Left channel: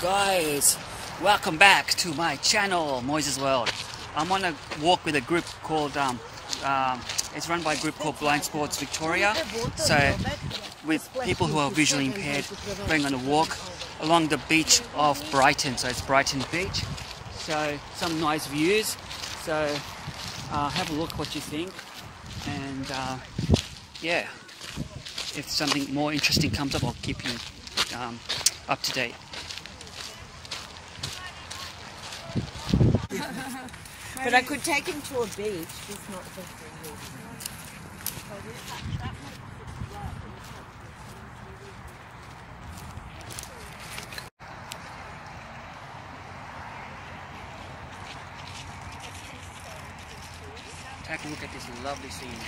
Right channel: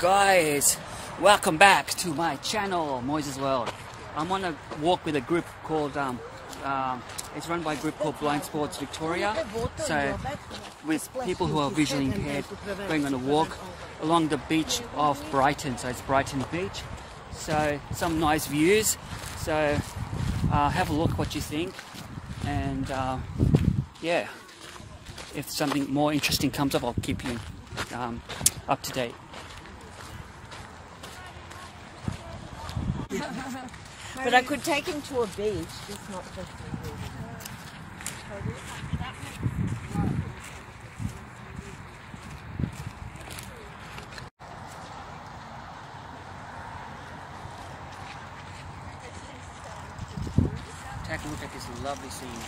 Guys, welcome back to my channel, Moises World. I'm on a walk with a group called, it's run by a group called Blind Sports Victoria. So, with people who are visually impaired, going on a walk along the beach of Brighton. So it's Brighton Beach. So, some nice views. So, have a look what you think. And, yeah, if something more interesting comes up, I'll keep you up to date. But I could take him to a beach, just not for Take a look at this lovely scene.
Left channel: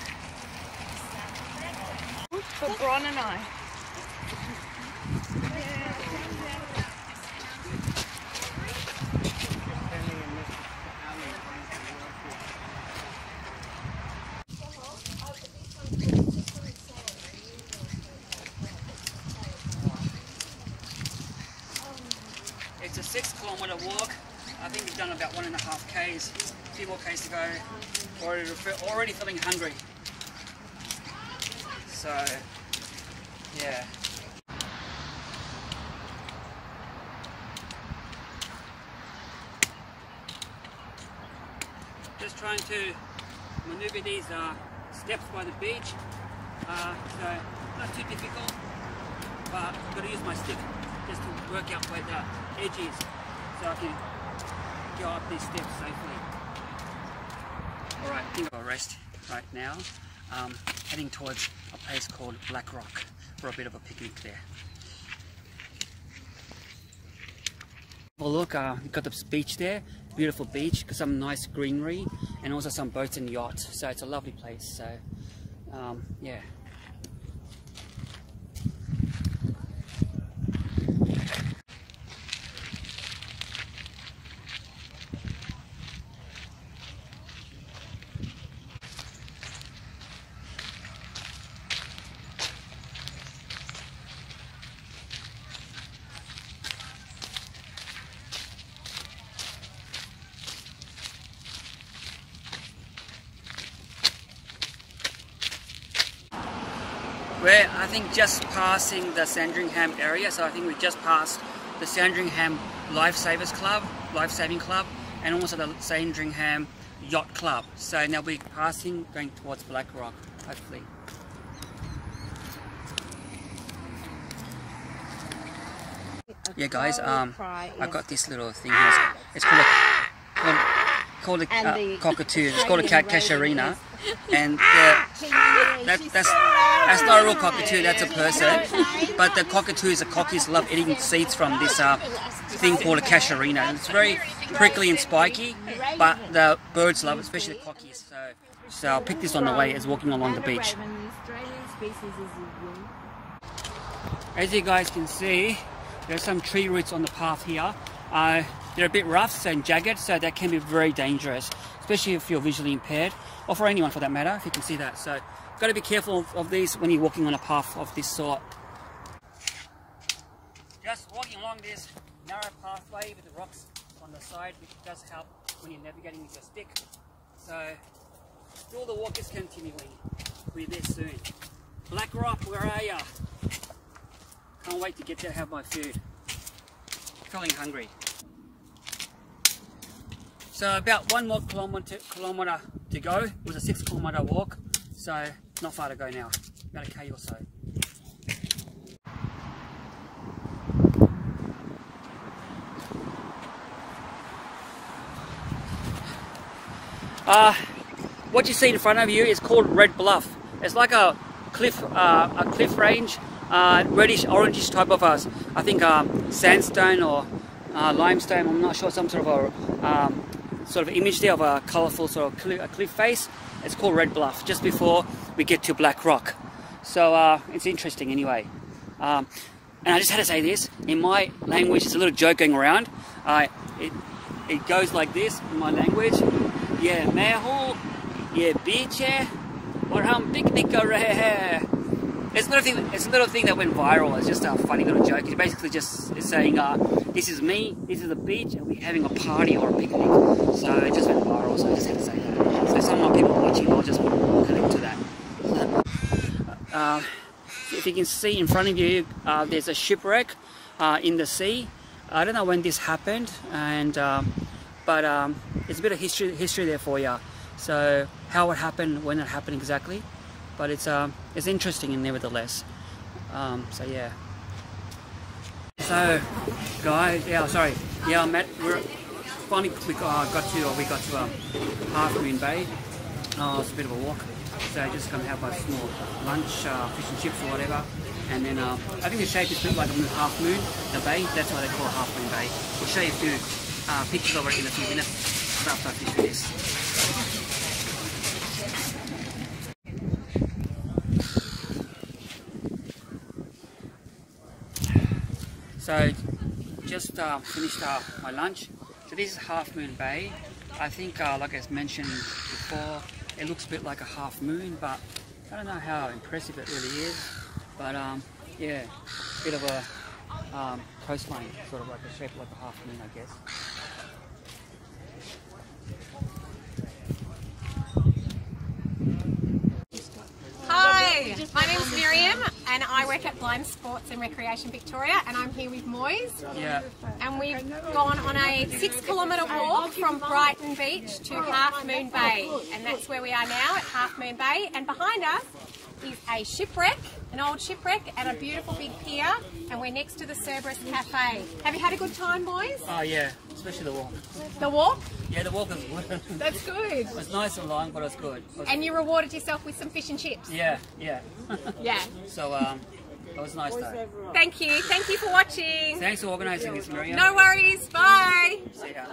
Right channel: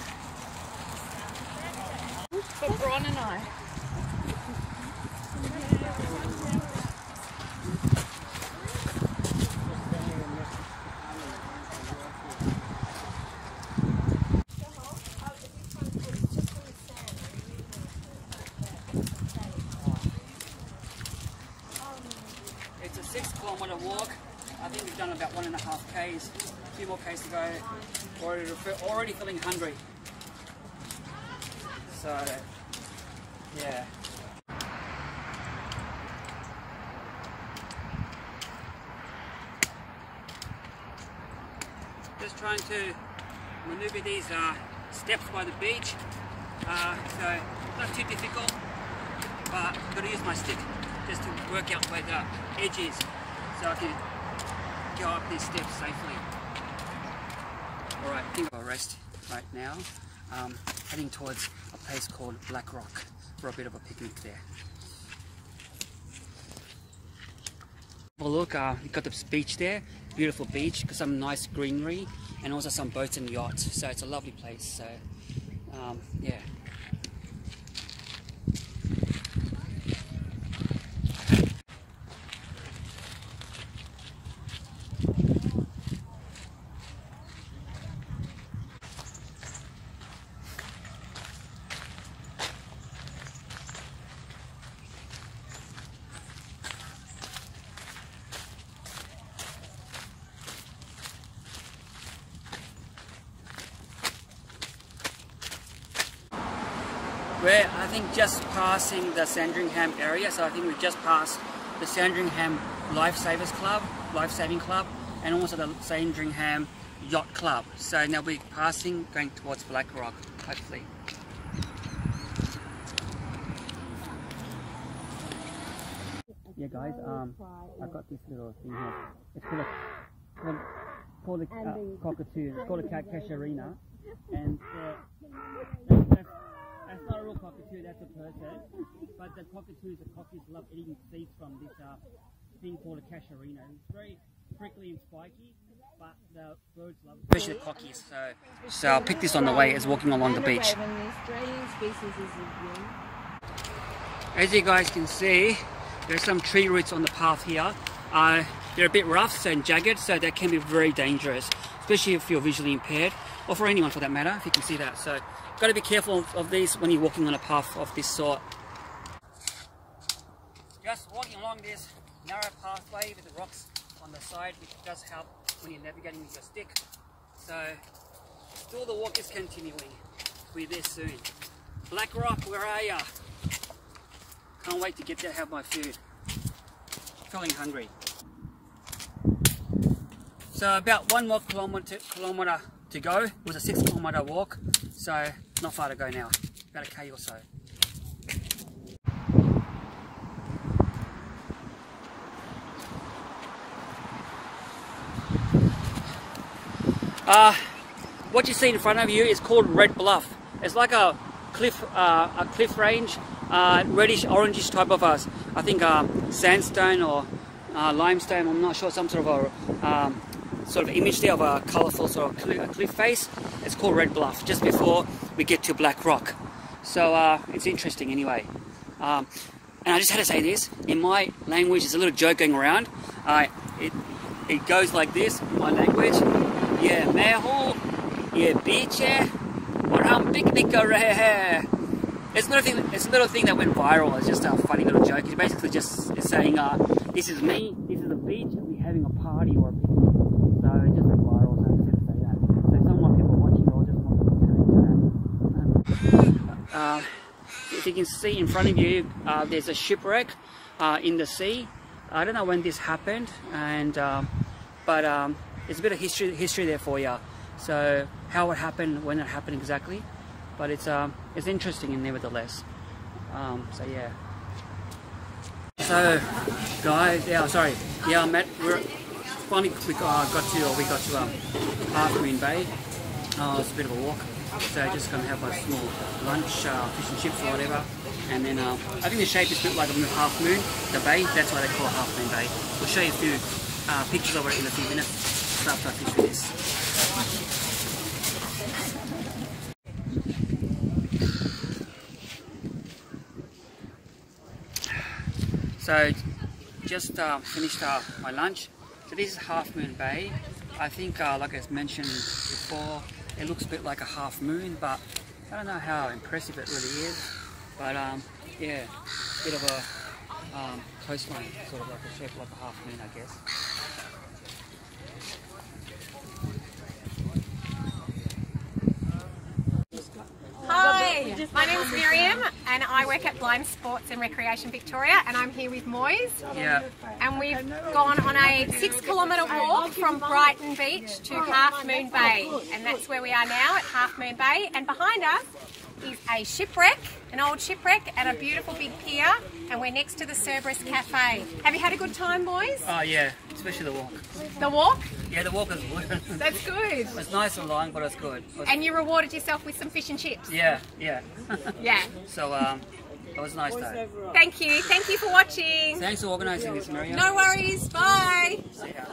for Bron and I. It's a 6-kilometre walk. I think we've done about 1.5 k's. A few more k's to go. Already feeling hungry. So, yeah. Just trying to maneuver these steps by the beach. So, not too difficult, but I've got to use my stick just to work out where the edge is so I can go up these steps safely. Alright, I think I'll rest right now. Heading towards a place called Black Rock for a bit of a picnic there. Well look, you've got this beach there, beautiful beach, got some nice greenery and also some boats and yachts, so it's a lovely place. So yeah. We're, I think, just passing the Sandringham area, so I think we just passed the Sandringham Lifesaving Club, and also the Sandringham Yacht Club. So now we're passing, going towards Black Rock, hopefully. Yeah, guys, I've got this little thing here. It's called a cockatoo. It's called a casuarina, and that's not a real cockatoo, that's a person. But the cockatoos, the cockies love eating seeds from this thing called a casuarina. And it's very prickly and spiky, but the birds love it, especially the cockies. So I'll pick this on the way as walking along the beach. As you guys can see, there's some tree roots on the path here. They're a bit rough and jagged, so that can be very dangerous, especially if you're visually impaired, or for anyone for that matter, if you can see that. So got to be careful of these when you're walking on a path of this sort. Just walking along this narrow pathway with the rocks on the side, which does help when you're navigating with your stick. So still the walk is continuing. We're there soon. Black Rock, where are ya? Can't wait to get there, have my food. Feeling hungry. So about 1 more kilometre to go. It was a 6-kilometre walk, so not far to go now. About a K or so. What you see in front of you is called Red Bluff. It's like a cliff range, reddish orangish type of I think sandstone or limestone. I'm not sure, some sort of image there of a colourful sort of cliff face. It's called Red Bluff, just before we get to Black Rock. So it's interesting anyway. And I just had to say this, in my language, there's a little joke going around. It goes like this in my language. Yeah, meho, yeah, beach, or picnic rahe. It's a little thing that went viral. It's just a funny little joke. It's basically just saying this is me, this is the beach, and we're having a party or a picnic. So it just went viral, so I just had to say that. So some of my people watching, I'll just put a link to that. If you can see in front of you, there's a shipwreck in the sea. I don't know when this happened, and but it's a bit of history there for you. So how it happened, when it happened exactly, but it's interesting and nevertheless. So yeah. So guys, Matt, we got to Half Moon Bay. It's a bit of a walk, so just gonna have a small lunch, fish and chips or whatever. And then I think the shape is built like a half moon, the bay. That's why they call it Half Moon Bay. We'll show you a few pictures of it in a few minutes after I fish with this. So just finished my lunch. So this is Half Moon Bay. I think like I mentioned before, it looks a bit like a half moon, but I don't know how impressive it really is. But yeah, bit of a coastline, sort of like a shape like a half moon, I guess. Hi, my name is Miriam and I work at Blind Sports and Recreation Victoria, and I'm here with Moyes. Yeah. And we've gone on a 6-kilometre walk from Brighton Beach to Half Moon Bay, and that's where we are now at Half Moon Bay. And behind us is a shipwreck, an old shipwreck, and a beautiful big pier, and we're next to the Cerberus Cafe. Have you had a good time, boys? Oh yeah, especially the walk. The walk? Yeah, the walk is good. That's good. It's nice and long, but it's good. And you rewarded yourself with some fish and chips? Yeah. Yeah. So it was nice though. Thank you for watching. Thanks for organising this, Miriam. No worries, bye. See ya.